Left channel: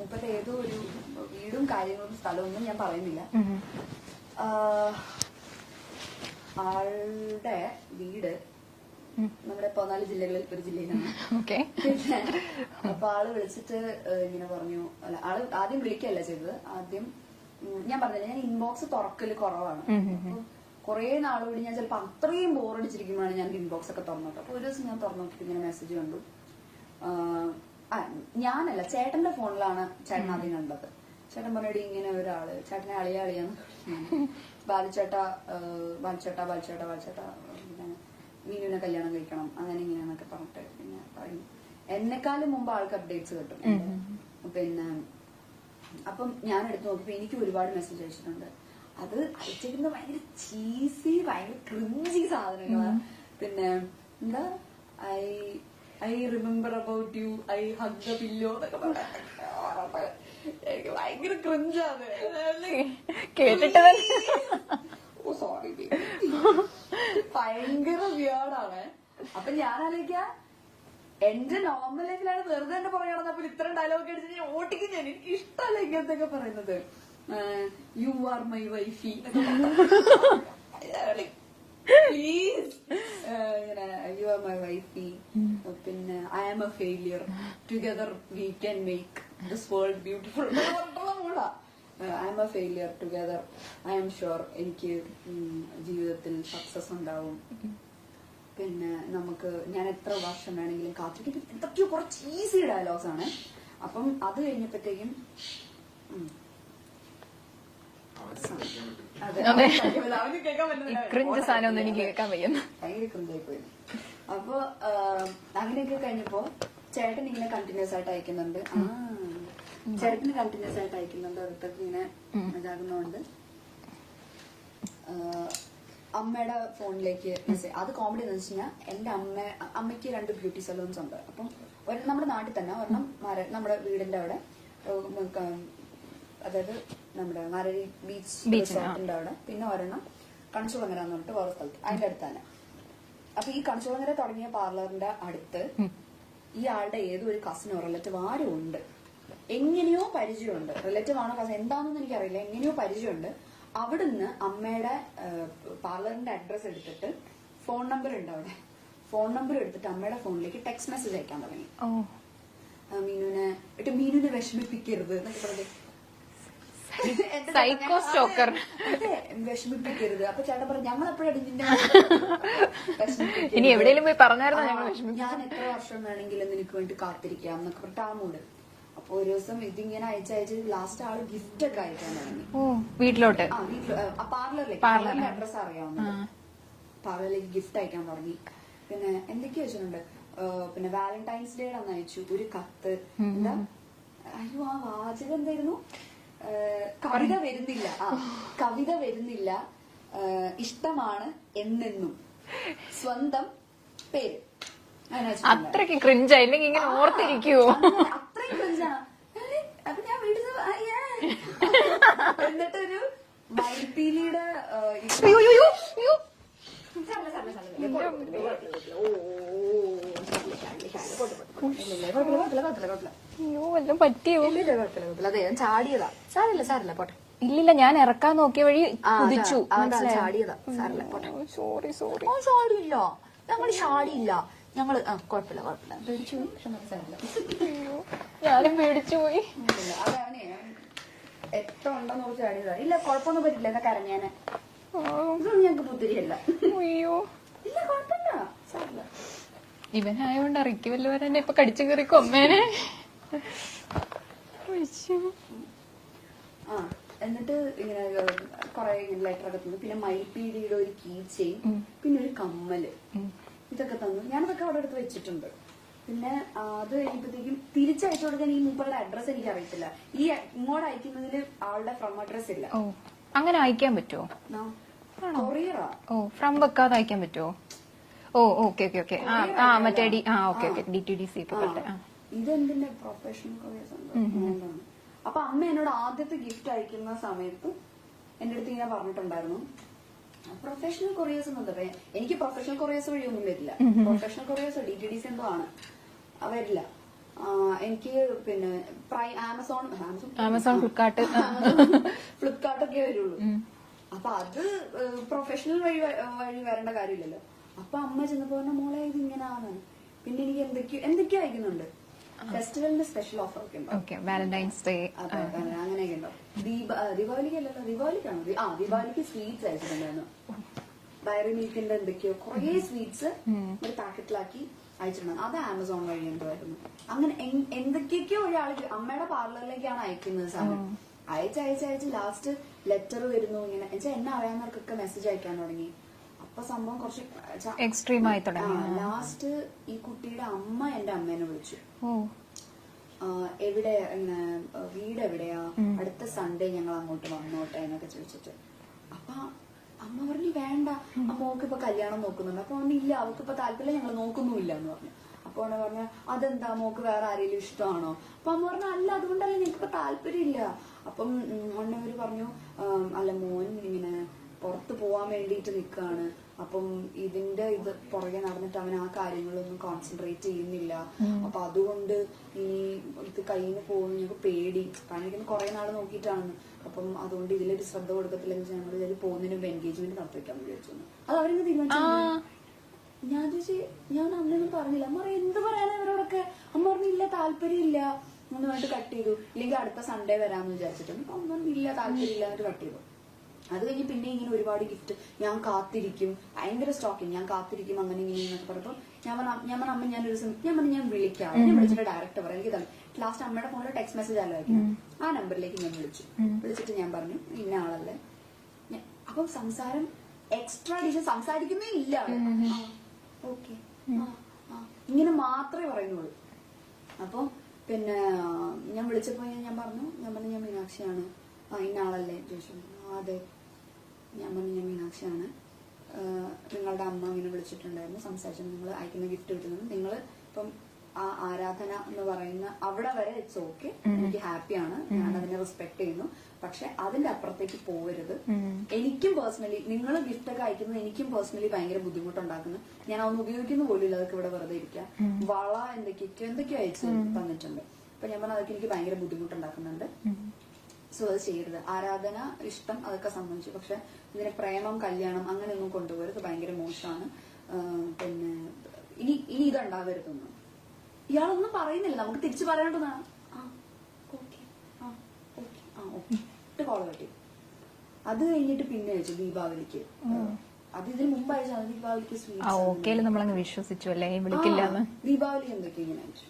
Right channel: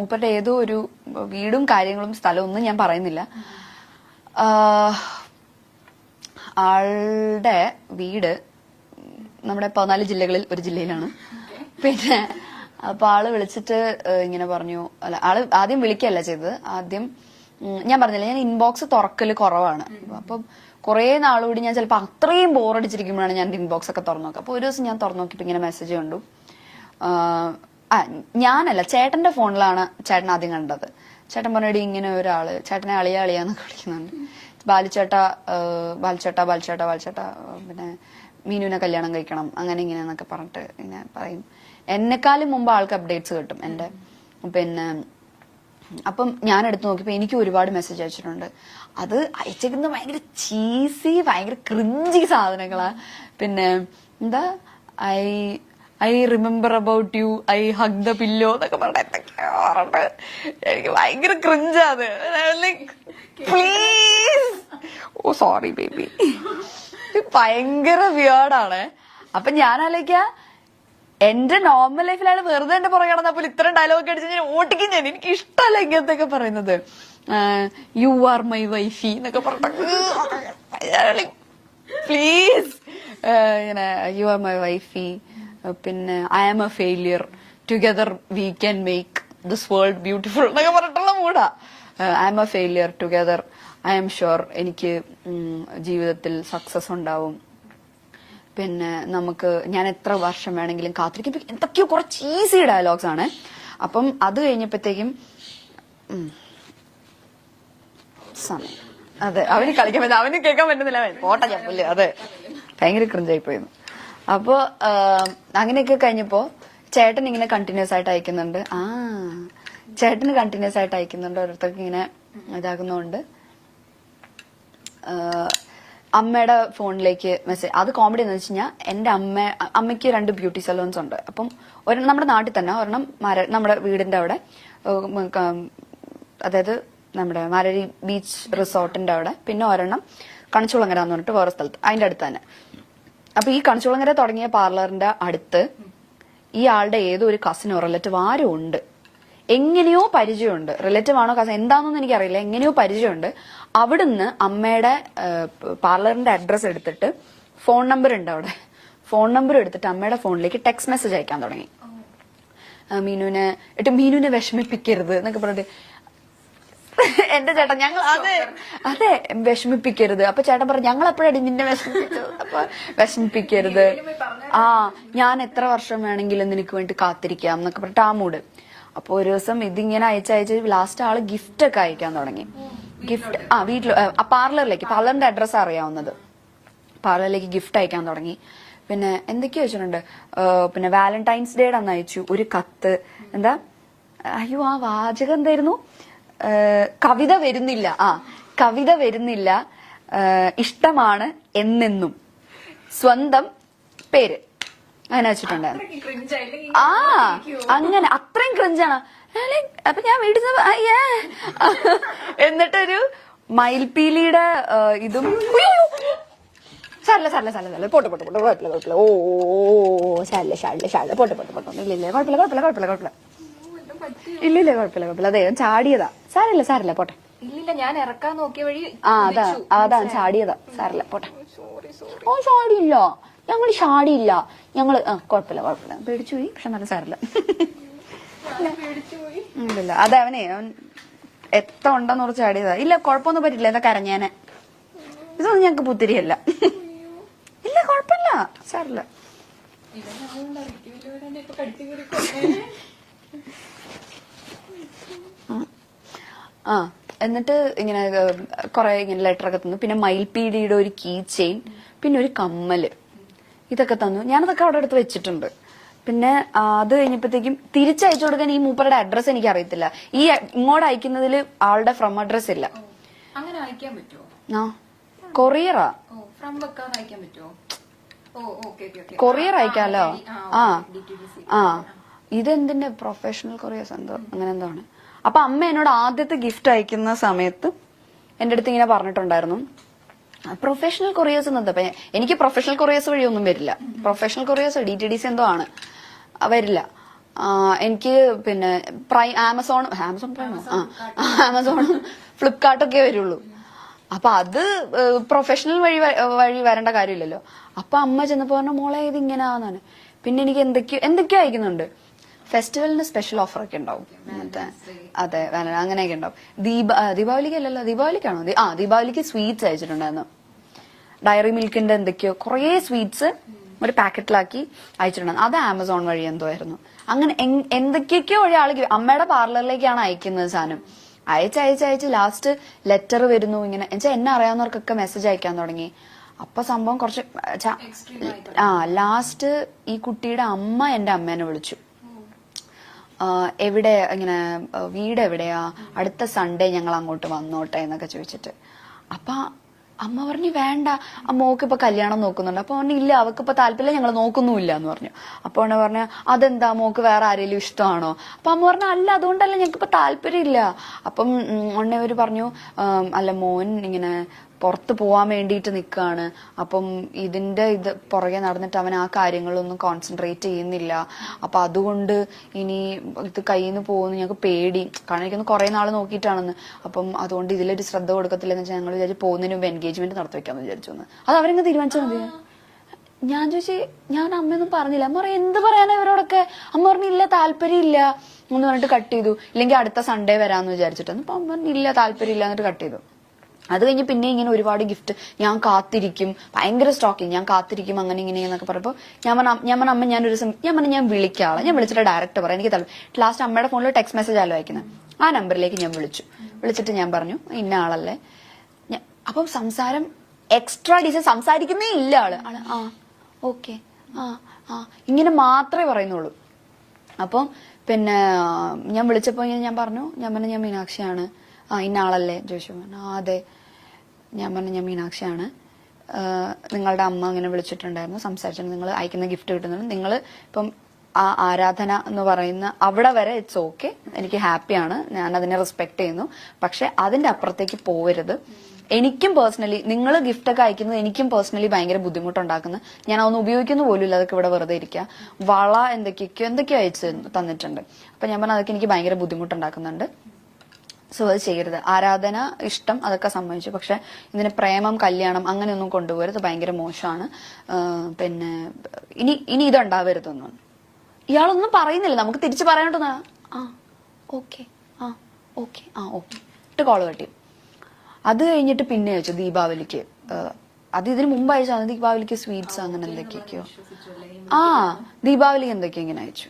മൂപ്പരുടെ ഏതോ ഒരു വീടും കാര്യങ്ങളും സ്ഥലവും ഒന്നും ഞാൻ പറയുന്നില്ല. ആളുടെ വീട് നമ്മുടെ 14 ജില്ലകളിൽ ഒരു ജില്ലയിലാണ്. പിന്നെ അപ്പൊ ആള് വിളിച്ചിട്ട് ഇങ്ങനെ പറഞ്ഞു, അല്ല ആള് ആദ്യം വിളിക്കല്ല ചെയ്തത്, ആദ്യം ഞാൻ പറഞ്ഞില്ല ഞാൻ ഇൻബോക്സ് തുറക്കല് കുറവാണ്. അപ്പൊ കുറെ നാളുകൂടി ഞാൻ ചിലപ്പോ അത്രയും ബോറടിച്ചിരിക്കുമ്പോഴാണ് ഞാൻ ഇൻബോക്സ് ഒക്കെ തുറന്നു നോക്കുക. അപ്പൊ ഒരു ദിവസം ഞാൻ തുറന്നു നോക്കിയിട്ട് ഇങ്ങനെ മെസ്സേജ് കണ്ടു. ഞാനല്ല, ചേട്ടന്റെ ഫോണിലാണ് ചേട്ടൻ ആദ്യം കണ്ടത്. ചേട്ടൻ പറഞ്ഞിട്ട് ഇങ്ങനെ ഒരാള് ചേട്ടനെ അളിയാന്നൊക്കെ വിളിക്കുന്നുണ്ട്. ബാലിച്ചേട്ട പിന്നെ മീനുവിനെ കല്യാണം കഴിക്കണം അങ്ങനെ ഇങ്ങനെന്നൊക്കെ പറഞ്ഞിട്ട് ഇങ്ങനെ പറയും. എന്നെക്കാളും മുമ്പ് ആൾക്ക് അപ്ഡേറ്റ്സ് കിട്ടും എന്റെ. പിന്നെ അപ്പം ഞാൻ എടുത്തു നോക്കിയപ്പോ എനിക്ക് ഒരുപാട് മെസ്സേജ് അയച്ചിട്ടുണ്ട്. അത് അയച്ചേക്കുന്നത് ഭയങ്കര ചീസി, ഭയങ്കര ക്രിഞ്ചി സാധനങ്ങളാ. പിന്നെ എന്താ I remember about you, I hug the pillow എന്നൊക്കെ പറഞ്ഞിട്ട് എന്തൊക്കെയാറുണ്ട്. എനിക്ക് ഭയങ്കര ക്രിഞ്ചാത്. ഓ സോറി ബേബി, ഭയങ്കര വിയേർഡാണ്. അപ്പൊ ഞാൻ ആലോചിക്കാ, എന്റെ നോർമൽ ലൈഫിലാണ് വെറുതെ എന്റെ പുറകെ നടന്നപ്പോൾ ഇത്രയും ഡയലോഗ് അടിച്ച് ഞാൻ ഓട്ടിക്കും. എനിക്ക് ഇഷ്ടമല്ല ഇങ്ങനത്തെയൊക്കെ പറയുന്നത്. യു ആർ മൈ വൈഫി എന്നൊക്കെ പറഞ്ഞു, പ്ലീസ് ഇങ്ങനെ യു ആർ മൈ വൈഫി. പിന്നെ I am a failure, together we can make this world beautiful എന്നൊക്കെ പറഞ്ഞിട്ടുള്ള മൂടാ. I am a failure, together I am sure എനിക്ക് ജീവിതത്തിൽ സക്സസ് ഉണ്ടാവും. പിന്നെ നമുക്ക് ഞാൻ എത്ര വർഷം വേണമെങ്കിലും കാത്തിരിക്കും. എന്തൊക്കെയോ കുറച്ച് ഈസി ഡയലോഗ്സ് ആണ്. അപ്പം അത് കഴിഞ്ഞപ്പോഴത്തേക്കും അതെ അവന് കളിക്കാൻ പറ്റും, അവന് കേൾക്കാൻ പറ്റുന്നില്ല. അതെ ഭയങ്കര ക്രിഞ്ചായി പോയിരുന്നു. അപ്പൊ അങ്ങനെയൊക്കെ കഴിഞ്ഞപ്പോ ചേട്ടൻ ഇങ്ങനെ കണ്ടിന്യൂസ് ആയിട്ട് അയക്കുന്നുണ്ട്. ചേട്ടന് കണ്ടിന്യൂസ് ആയിട്ട് അയക്കുന്നുണ്ട്. ഓരോരുത്തർക്ക് ഇങ്ങനെ ഇതാകുന്നോണ്ട് അമ്മയുടെ ഫോണിലേക്ക് മെസ്സേജ്. അത് കോമഡി എന്ന് വെച്ച് കഴിഞ്ഞാൽ എന്റെ അമ്മയ്ക്ക് 2 ബ്യൂട്ടി സലൂൺസ് ഉണ്ട്. അപ്പം ഒരെണ്ണം നമ്മുടെ നാട്ടിൽ തന്നെ, ഒരെണ്ണം നമ്മുടെ വീടിന്റെ അവിടെ, അതായത് നമ്മുടെ മാരരി ബീച്ച് റിസോർട്ടിന്റെ അവിടെ, പിന്നെ ഒരെണ്ണം കണിച്ചുളങ്ങര എന്ന് പറഞ്ഞിട്ട് വേറെ സ്ഥലത്ത്, അതിന്റെ അടുത്ത് തന്നെ. അപ്പൊ ഈ കണിച്ചുളങ്ങര തുടങ്ങിയ പാർലറിന്റെ അടുത്ത് ഈ ആളുടെ ഏതോ ഒരു കസിനോ റിലേറ്റീവ് ആരോ ഉണ്ട്. എങ്ങനെയോ പരിചയമുണ്ട്. റിലേറ്റീവ് ആണോ കസിൻ എന്താണെന്നൊന്നും എനിക്കറിയില്ല. എങ്ങനെയോ പരിചയമുണ്ട്. അവിടുന്ന് അമ്മയുടെ പാർലറിന്റെ അഡ്രസ് എടുത്തിട്ട്, ഫോൺ നമ്പർ ഉണ്ട് അവിടെ, ഫോൺ നമ്പർ എടുത്തിട്ട് അമ്മയുടെ ഫോണിലേക്ക് ടെക്സ്റ്റ് മെസ്സേജ് അയക്കാൻ തുടങ്ങി. മീനുവിനെ വിഷമിപ്പിക്കരുത് എന്നൊക്കെ പറഞ്ഞിട്ട് എന്റെ ചേട്ടൻ ഞങ്ങൾ അതെ വിഷമിപ്പിക്കരുത്. അപ്പൊ ചേട്ടൻ പറഞ്ഞു ഞങ്ങൾ എപ്പോഴാണ് നിന്നെ വിഷമിപ്പിക്കരുത്, ഞാൻ എത്ര വർഷം വേണമെങ്കിലും നിനക്ക് വേണ്ടി കാത്തിരിക്കാം എന്നൊക്കെ പറഞ്ഞിട്ട് ആ മൂഡ്. അപ്പൊ ഒരു ദിവസം ഇതിങ്ങനെ അയച്ച് ലാസ്റ്റ് ആള് ഗിഫ്റ്റ് ഒക്കെ അയക്കാൻ തുടങ്ങി വീട്ടിലോട്ട്. പാർലറിന്റെ അഡ്രസ് അറിയാവുന്നത്. പാർലറിലേക്ക് ഗിഫ്റ്റ് അയക്കാൻ തുടങ്ങി. പിന്നെ എന്തൊക്കെയോ വെച്ചിട്ടുണ്ട്. പിന്നെ വാലന്റൈൻസ് ഡേയുടെ അന്ന് അയച്ചു ഒരു കത്ത്. എന്താ അയ്യോ ആ വാചകം എന്തായിരുന്നു? കവിത വരുന്നില്ല, കവിത വരുന്നില്ല, ഇഷ്ടമാണ് എന്നെന്നും, സ്വന്തം പേര്, അങ്ങനെ വെച്ചിട്ടുണ്ട്. അങ്ങനെ അത്രയും ക്രിഞ്ചാണ്. അപ്പൊ ഞാൻ വീട്ടിൽ എന്നിട്ടൊരു മയിൽപീലിയുടെ ഇതും അതെ ചാടിയതാ. സാരല്ല പോട്ടെ. ഇല്ലില്ല ഞാൻ ഇറക്കാൻ നോക്കിയ വഴി അതാ ചാടിയതാ. സാരല്ല പോട്ടെ. ഓ ചാടിയില്ല, ഞങ്ങൾ ചാടിയില്ല, ഞങ്ങള് കുഴപ്പമില്ല പേടിച്ചു പോയി. പക്ഷെ നല്ല സാരല്ല. ഇല്ല അതെ അവൻ എത്ര ഉണ്ടെന്ന് കുറച്ച് ചാടിയതാ. ഇല്ല കുഴപ്പമൊന്നും പറ്റില്ല. എന്താ കരഞ്ഞാനെ ഇതൊന്നും ഞങ്ങക്ക് പുത്തിരിയല്ല. ഇല്ല കുഴപ്പമില്ല സാരല്ല. ഇവനായോണ്ട് ഇറക്കി വല്ലവരെ ഇപ്പൊ കടിച്ചു കയറി കൊന്നേനെ. എന്നിട്ട് ഇങ്ങനെ കൊറേ ഇങ്ങനെ ലെറ്റർ ഒക്കെ തന്നു. പിന്നെ മയിൽപീടിയുടെ ഒരു കീ ചെയിൻ, പിന്നെ ഒരു കമ്മല്, ഇതൊക്കെ തന്നു. ഞാനതൊക്കെ അവിടെ അടുത്ത് വെച്ചിട്ടുണ്ട്. പിന്നെ അത് കഴിഞ്ഞപ്പോഴത്തേക്കും തിരിച്ചയച്ചു കൊടുക്കാൻ ഈ മൂപ്പരുടെ അഡ്രസ് എനിക്ക് അറിയത്തില്ല. ഈ ഇങ്ങോട്ട് അയക്കുന്നതിൽ ആളുടെ ഫ്രം അഡ്രസ് ഇല്ല. അങ്ങനെ അയക്കാൻ പറ്റുമോ? കൊറിയറാ. ഫ്രം വെക്കാതെ അയക്കാൻ പറ്റുമോ? കൊറിയർ അയക്കാമല്ലോ. ഇതെന്തിന്റെ പ്രൊഫഷണൽ കൊറിയേഴ്സ് എന്തോ അങ്ങനെ എന്തോ ആണ്. അപ്പൊ അമ്മ എന്നോട് ആദ്യത്തെ ഗിഫ്റ്റ് അയക്കുന്ന സമയത്ത് എന്റെ അടുത്ത് ഇങ്ങനെ പറഞ്ഞിട്ടുണ്ടായിരുന്നു, പ്രൊഫഷണൽ കൊറിയേഴ്സ് എന്നത്. എനിക്ക് പ്രൊഫഷണൽ കൊറിയേഴ്സ് വഴിയൊന്നും വരില്ല. പ്രൊഫഷണൽ കൊറിയേഴ്സ് DTDC എന്തോ ആണ്, വരില്ല. എനിക്ക് പിന്നെ ആമസോൺ ഫ്ലിപ്കാർട്ടൊക്കെ വരുള്ളൂ. അപ്പൊ അത് പ്രൊഫഷണൽ വഴി വരേണ്ട കാര്യമില്ലല്ലോ. അപ്പൊ അമ്മ ചെന്നപ്പോ പറഞ്ഞു മോളെ ഇത് ഇങ്ങനെയാന്നാണ്. പിന്നെ എനിക്ക് എന്തൊക്കെയോ അയക്കുന്നുണ്ട്. ഫെസ്റ്റിവലിന് സ്പെഷ്യൽ ഓഫർ ഒക്കെ ഉണ്ടാവും. അതെ അങ്ങനെയൊക്കെ ഉണ്ടാവും. ദീപാവലിക്ക് അല്ലല്ലോ, ദീപാവലിക്കാണോ? ദീപാവലിക്ക് സ്വീറ്റ്സ് അയച്ചിട്ടുണ്ടായിരുന്നു. ഡയറി മിൽക്കിന്റെ എന്തൊക്കെയോ കുറേ സ്വീറ്റ്സ് ഒരു പാക്കറ്റിലാക്കി അയച്ചിട്ടുണ്ടായിരുന്നു. അത് ആമസോൺ വഴി എന്തോ ആയിരുന്നു. അങ്ങനെ എന്തൊക്കെയൊക്കെയോ വഴി ആൾക്ക് അമ്മയുടെ പാർലറിലേക്കാണ് അയക്കുന്നത് സാധനം. അയച്ച് ലാസ്റ്റ് ലെറ്റർ വരുന്നു. ഇങ്ങനെ എന്നുവെച്ചാൽ എന്നെ അറിയാവുന്നവർക്കൊക്കെ മെസ്സേജ് അയക്കാൻ തുടങ്ങി. അപ്പൊ സംഭവം കുറച്ച് എക്സ്ട്രീം ആയി. ലാസ്റ്റ് ഈ കുട്ടിയുടെ അമ്മ എന്റെ അമ്മേനെ വിളിച്ചു. എവിടെ ഇങ്ങനെ വീട് എവിടെയാ, അടുത്ത സൺഡേ ഞങ്ങൾ അങ്ങോട്ട് വന്നോട്ടെ എന്നൊക്കെ ചോദിച്ചിട്ട്. അപ്പൊ അമ്മ പറഞ്ഞു വേണ്ട, മോക്ക് ഇപ്പൊ കല്യാണം നോക്കുന്നുണ്ട്. അപ്പൊ പറഞ്ഞു ഇല്ല, അവക്ക് ഇപ്പൊ താല്പര്യം, ഞങ്ങൾ നോക്കുന്നുമില്ല എന്ന് പറഞ്ഞു. അപ്പൊ അവനെ പറഞ്ഞു അതെന്താ, മോക്ക് വേറെ ആരെങ്കിലും ഇഷ്ടമാണോ? അപ്പൊ അമ്മ പറഞ്ഞു അല്ല, അതുകൊണ്ടല്ല, ഞങ്ങൾക്ക് ഇപ്പൊ താല്പര്യം ഇല്ല. അപ്പം അവര് പറഞ്ഞു അല്ല, മോൻ ഇങ്ങനെ പുറത്ത് പോവാൻ വേണ്ടിയിട്ട് നിൽക്കുകയാണ്. അപ്പം ഇത് പുറകെ നടന്നിട്ട് അവൻ ആ കാര്യങ്ങളൊന്നും കോൺസെൻട്രേറ്റ് ചെയ്യുന്നില്ല. അപ്പൊ അതുകൊണ്ട് ഇനി ഇത് കയ്യിൽ നിന്ന് പോകുന്നു ഞങ്ങൾക്ക് പേടി. കാരണം എനിക്കൊന്ന് കുറെ നാള് നോക്കിയിട്ടാണെന്ന്. അപ്പം അതുകൊണ്ട് ഇതിലൊരു ശ്രദ്ധ കൊടുക്കത്തില്ലെന്ന് വെച്ചാൽ ഞങ്ങൾ വിചാരിച്ചു പോകുന്നതിന് മുമ്പ് എൻഗേജ്മെന്റ് നടത്തി വെക്കാന്ന് വിചാരിച്ചു. അത് അവരെങ്ങ് തീരുമാനിച്ചാൽ മതി. ഞാൻ ചോദിച്ചു, ഞാൻ അമ്മയൊന്നും പറഞ്ഞില്ല. അമ്മ പറഞ്ഞു എന്ത് പറയാനാ ഇവരോടൊക്കെ? അമ്മ പറഞ്ഞില്ല താല്പര്യം ഇല്ല എന്ന് പറഞ്ഞിട്ട് കട്ട് ചെയ്തു. ഇല്ലെങ്കിൽ അടുത്ത സൺഡേ വരാന്ന് വിചാരിച്ചിട്ടാണ്. അപ്പൊ അമ്മ പറഞ്ഞില്ല താല്പര്യം ഇല്ല എന്നിട്ട് കട്ട് ചെയ്തു. അത് കഴിഞ്ഞ് പിന്നെ ഇങ്ങനെ ഒരുപാട് ഗിഫ്റ്റ്, ഞാൻ കാത്തിരിക്കും, ഭയങ്കര സ്റ്റോക്കിങ്, ഞാൻ കാത്തിരിക്കും അങ്ങനെ ഇങ്ങനെ എന്നൊക്കെ പറയുമ്പോൾ ഞാൻ പറഞ്ഞു അമ്മ ഞാൻ വിളിക്കാം. ഞാൻ വിളിച്ചിട്ട് ഡയറക്റ്റ് പറയാം എനിക്ക് താല്പര്യം. ലാസ്റ്റ് അമ്മയുടെ ഫോണിൽ ടെക്സ്റ്റ് മെസ്സേജ് ആലോ അയക്കുന്നത്. ആ നമ്പറിലേക്ക് ഞാൻ വിളിച്ചിട്ട് ഞാൻ പറഞ്ഞു ഇന്ന ആളല്ലേ. അപ്പം സംസാരം എക്സ്ട്രാ ഡീസൽ, സംസാരിക്കുന്നേ ഇല്ല ആള്. ഓക്കെ ഇങ്ങനെ മാത്രമേ പറയുന്നുള്ളൂ. അപ്പം പിന്നെ ഞാൻ വിളിച്ചപ്പോ ഇങ്ങനെ ഞാൻ പറഞ്ഞു ഞാൻ മീനാക്ഷിയാണ്. ഇന്ന ആളല്ലേ ചോദിച്ചു. അതെ. ഞാൻ പറഞ്ഞു ഞാൻ മീനാക്ഷിയാണ്, നിങ്ങളുടെ അമ്മ ഇങ്ങനെ വിളിച്ചിട്ടുണ്ടായിരുന്നു, സംസാരിച്ചിട്ടുണ്ട്, നിങ്ങൾ അയക്കുന്ന ഗിഫ്റ്റ് കിട്ടുന്നുണ്ട്, നിങ്ങൾ ഇപ്പം ആ ആരാധന എന്ന് പറയുന്ന അവിടെ വരെ ഇറ്റ്സ് ഓക്കെ, എനിക്ക് ഹാപ്പിയാണ്, ഞാൻ അതിനെ റെസ്പെക്ട് ചെയ്യുന്നു. പക്ഷെ അതിന്റെ അപ്പുറത്തേക്ക് പോവരുത്. എനിക്കും പേഴ്സണലി നിങ്ങൾ ഗിഫ്റ്റ് ഒക്കെ അയക്കുന്നത് എനിക്കും പേഴ്സണലി ഭയങ്കര ബുദ്ധിമുട്ടുണ്ടാക്കുന്നു. ഞാൻ അതൊന്നും ഉപയോഗിക്കുന്ന പോലും ഇല്ല, അതൊക്കെ ഇവിടെ വെറുതെ ഇരിക്കുക. വള എന്തൊക്കെയോ അയച്ചു തന്നിട്ടുണ്ട്. അപ്പൊ ഞാൻ പറഞ്ഞു അതൊക്കെ എനിക്ക് ഭയങ്കര ബുദ്ധിമുട്ടുണ്ടാക്കുന്നുണ്ട്. സോ അത് ചെയ്യരുത്. ആരാധന ഇഷ്ടം അതൊക്കെ സമ്മതിച്ചു, പക്ഷെ ഇതിന് പ്രേമം കല്യാണം അങ്ങനെയൊന്നും കൊണ്ടുപോകരുത്, ഭയങ്കര മോശമാണ്. പിന്നെ ഇനി ഇതുണ്ടാവരുതൊന്നും. ഇയാളൊന്നും പറയുന്നില്ല, നമുക്ക് തിരിച്ചു പറയാണ്ടെന്നാ ഓക്കെ ഓക്കെ ഇട്ട് കോള് കട്ടി. അത് കഴിഞ്ഞിട്ട് പിന്നെ അയച്ചു ദീപാവലിക്ക്. അത് ഇതിന് മുമ്പ് അയച്ചു ദീപാവലിക്ക് സ്വീറ്റ്സ് ദീപാവലിക്ക് എന്തൊക്കെയോ ഇങ്ങനെ അയച്ചു.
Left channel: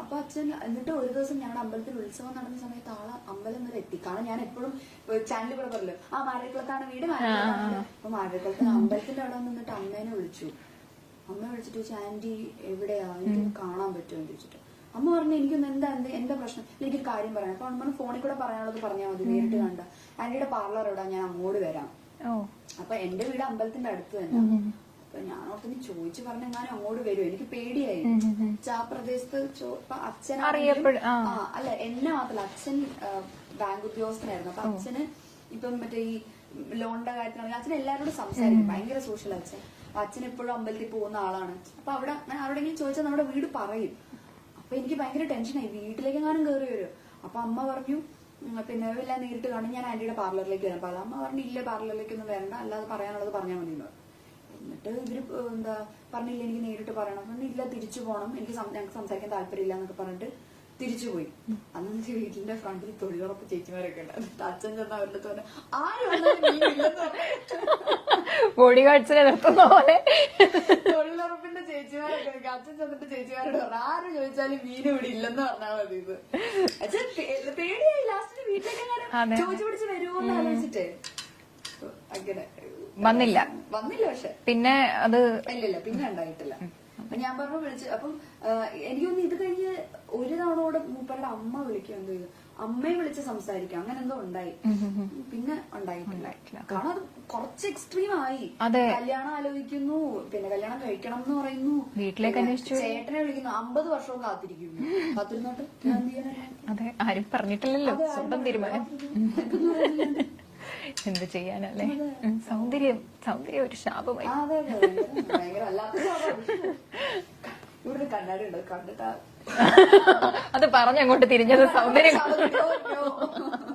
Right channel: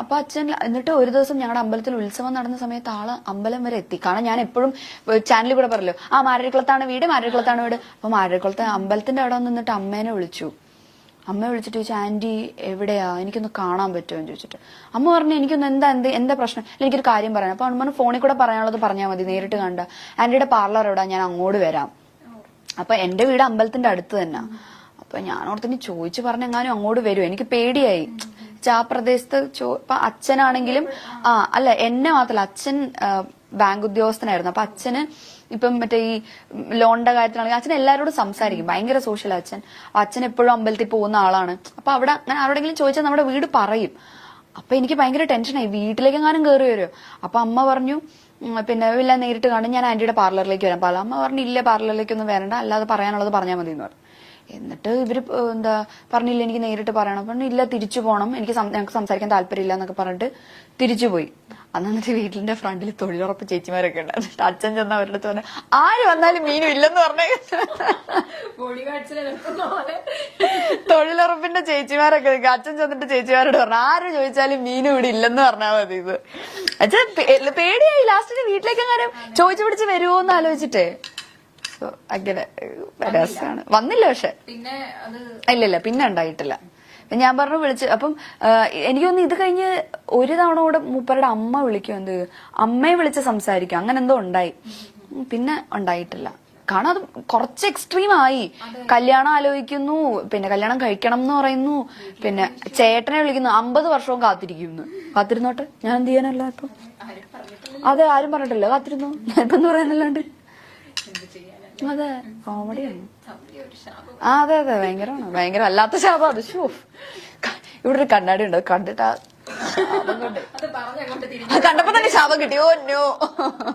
അപ്പൊ അച്ഛൻ എന്നിട്ട് ഒരു ദിവസം ഞങ്ങളുടെ അമ്പലത്തിൽ ഉത്സവം നടന്ന സമയത്ത് ആള് അമ്പലം വരെ എത്തി. കാരണം ഞാൻ എപ്പോഴും ചാനലിൽ കൂടെ പറയല്ലോ മാരരിക്കുളത്താണ് വീട്. അപ്പൊ മാരരിക്കുളത്ത് അമ്പലത്തിന്റെ അവിടെ നിന്നിട്ട് അമ്മേനെ വിളിച്ചു. അമ്മ വിളിച്ചിട്ട് ചോദിച്ചു ആന്റി എവിടെയാ, എനിക്കൊന്ന് കാണാൻ പറ്റുമോ എന്ന് ചോദിച്ചിട്ട്. അമ്മ പറഞ്ഞു എനിക്കൊന്ന് എന്താ പ്രശ്നം, എനിക്കൊരു കാര്യം പറയാം. അപ്പൊ അമ്മ ഫോണിൽ കൂടെ പറയാനുള്ളത് പറഞ്ഞാൽ മതി, നേരിട്ട് കണ്ട. ആന്റിയുടെ പാർലർ എവിടാ, ഞാൻ അങ്ങോട്ട് വരാം. അപ്പൊ എന്റെ വീട് അമ്പലത്തിന്റെ അടുത്ത് തന്നെ. അപ്പൊ ഞാൻ ഓർത്തിന് ചോദിച്ചു പറഞ്ഞെങ്ങാനും അങ്ങോട്ട് വരും. എനിക്ക് പേടിയായി. ആ പ്രദേശത്ത് ഇപ്പൊ അച്ഛനാണെങ്കിലും അല്ല എന്നെ മാത്രല്ല, അച്ഛൻ ബാങ്ക് ഉദ്യോഗസ്ഥനായിരുന്നു. അപ്പൊ അച്ഛന് ഇപ്പം മറ്റേ ഈ ലോണിന്റെ കാര്യത്തിലാണെങ്കിൽ അച്ഛൻ എല്ലാവരോടും സംസാരിക്കും, ഭയങ്കര സോഷ്യൽ അച്ഛൻ. അച്ഛൻ എപ്പോഴും അമ്പലത്തിൽ പോകുന്ന ആളാണ്. അപ്പൊ അവിടെ അങ്ങനെ ആരോടെങ്കിലും ചോദിച്ചാൽ നമ്മുടെ വീട് പറയും. അപ്പൊ എനിക്ക് ഭയങ്കര ടെൻഷനായി, വീട്ടിലേക്കെങ്ങാനും കയറി വരുമോ. അപ്പൊ അമ്മ പറഞ്ഞു പിന്നെ ഇല്ല നേരിട്ട് കാണും, ഞാൻ ആന്റിയുടെ പാർലറിലേക്ക് വരാം. അമ്മ പറഞ്ഞു ഇല്ല പാർലറിലേക്കൊന്നും വരണ്ട, അല്ലാതെ പറയാനുള്ളത് പറഞ്ഞാൽ മതി എന്ന് പറഞ്ഞു. എന്നിട്ട് ഇവര് പറഞ്ഞില്ല എനിക്ക് നേരിട്ട് പറയണം. പറഞ്ഞു ഇല്ല തിരിച്ചു പോകണം, ഞങ്ങൾക്ക് സംസാരിക്കാൻ താല്പര്യമില്ല എന്നൊക്കെ പറഞ്ഞിട്ട് തിരിച്ചുപോയി. എന്നിട്ട് വീട്ടിന്റെ ഫ്രണ്ടിൽ തൊഴിലുറപ്പ് ചേച്ചിമാരൊക്കെ ഉണ്ട്. അച്ഛൻ ചെന്ന അവരുടെ അടുത്ത് പറഞ്ഞു ആര് വന്നാലും മീനും ഇല്ലെന്ന് പറഞ്ഞ ബോഡി ഗാർഡ്സിനെ നിർത്തുന്ന പോലെ തൊഴിലുറപ്പിന്റെ ചേച്ചിമാരൊക്കെ അച്ഛൻ ചെന്നിട്ട് ചേച്ചിമാരോട് പറഞ്ഞു ആര് ചോദിച്ചാലും മീനും ഇവിടെ ഇല്ലെന്ന് പറഞ്ഞാൽ മതി. ഇത് അച്ഛൻ പേടിയായി. ലാസ്റ്റിന് വീട്ടിലേക്ക് അങ്ങനെ ചോദിച്ചു പിടിച്ച് വരുമോന്ന് ആലോചിച്ചിട്ടേ അങ്ങനെ വന്നില്ല. പക്ഷെ പിന്നെ അത് ഇല്ല പിന്നെ ഉണ്ടായിട്ടില്ല. ഞാൻ പറഞ്ഞു വിളിച്ച്. അപ്പം എനിക്കൊന്ന് ഇത് കഴിഞ്ഞ് ഒരു തവണ കൂടെ മൂപ്പരുടെ അമ്മ വിളിക്കും, അമ്മയെ വിളിച്ച് സംസാരിക്കും, അങ്ങനെ എന്തോ ഉണ്ടായി. പിന്നെ ഉണ്ടായിട്ടില്ല. കാരണം അത് കുറച്ച് എക്സ്ട്രീം ആയി. കല്യാണം ആലോചിക്കുന്നു, പിന്നെ കല്യാണം കഴിക്കണം എന്ന് പറയുന്നു, പിന്നെ ചേട്ടനെ വിളിക്കുന്നു, 50 വർഷവും കാത്തിരിക്കുന്നു. കാത്തിരുന്നോട്ടെ, ഞാൻ എന്ത് ചെയ്യാനല്ല ഇപ്പൊ. അതെ ആരും പറഞ്ഞിട്ടില്ല, കാത്തിരുന്നു എന്ന് പറയാനല്ലാണ്ട് എന്ത് ചെയ്യാനല്ലേ. അതെ ഭയങ്കര അല്ലാത്ത ശാപം അത്. ഇവിടെ ഒരു കണ്ണാടി ഉണ്ട്, കണ്ടിട്ടാ അത് പറഞ്ഞങ്ങോട്ട് തിരിഞ്ഞു കണ്ടപ്പോ തന്നെ ശവം കിട്ടി. Oh no.